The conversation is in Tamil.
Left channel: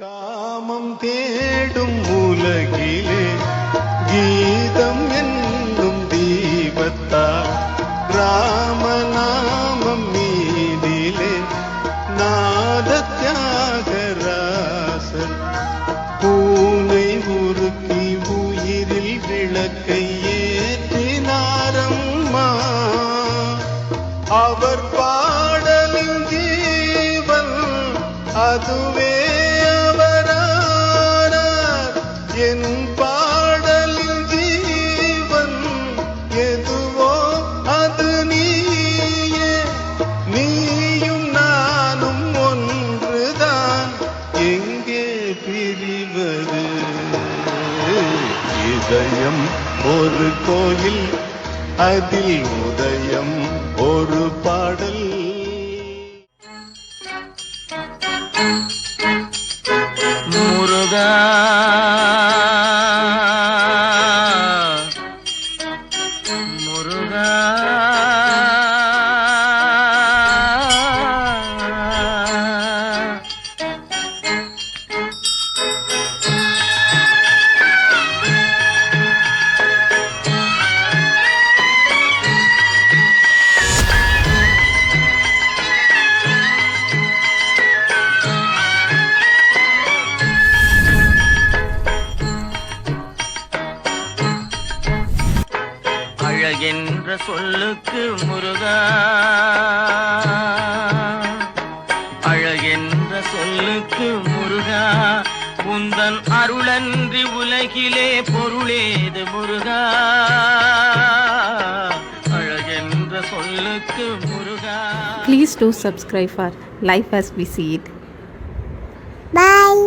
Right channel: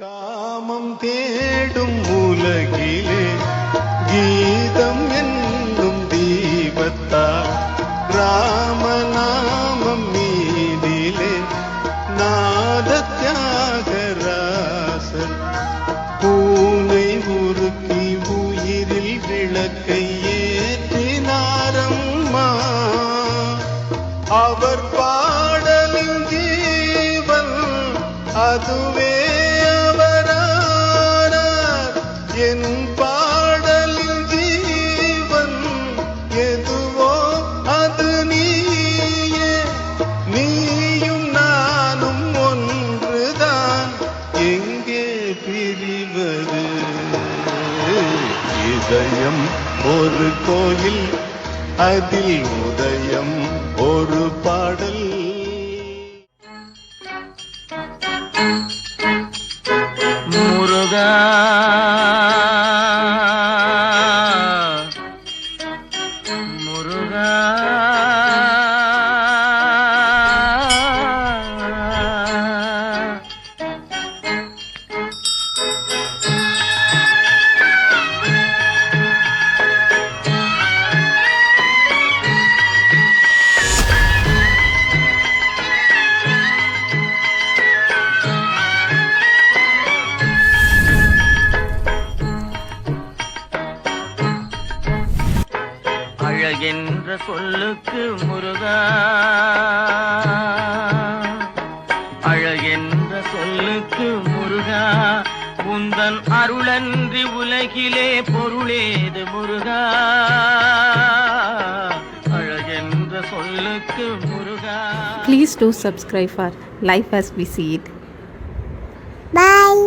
காமம் தேடும் உலகிலே கீதம் என்னும் தீபத்தால் ராமநாமம் மீதிலே நாத தியாகராசர் பூனை உருக்கி உயிரில் விளக்கை ஏற்றினாரம்மா. அவர் பாடலின் ஜீவன் அதுவே அவரானார். என் பாடலின் ஜீவன் எதுவோ அது நீயே. நீயும் நானும் ஒன்றுதான், எங்கே பிரிவது? இதயம் ஒரு கோயில், அதில் உதயம் ஒரு பாடல். முருகா முருகா என்ற சொல்லுக்கு முருகா, அழகென்ற சொல்லுக்கு முருகா, உந்தன் அருளன்றி உலகிலே பொருளேது முருகா, அழகென்ற சொல்லுக்கு முருகா. Please do subscribe for Life as we see it. Bye.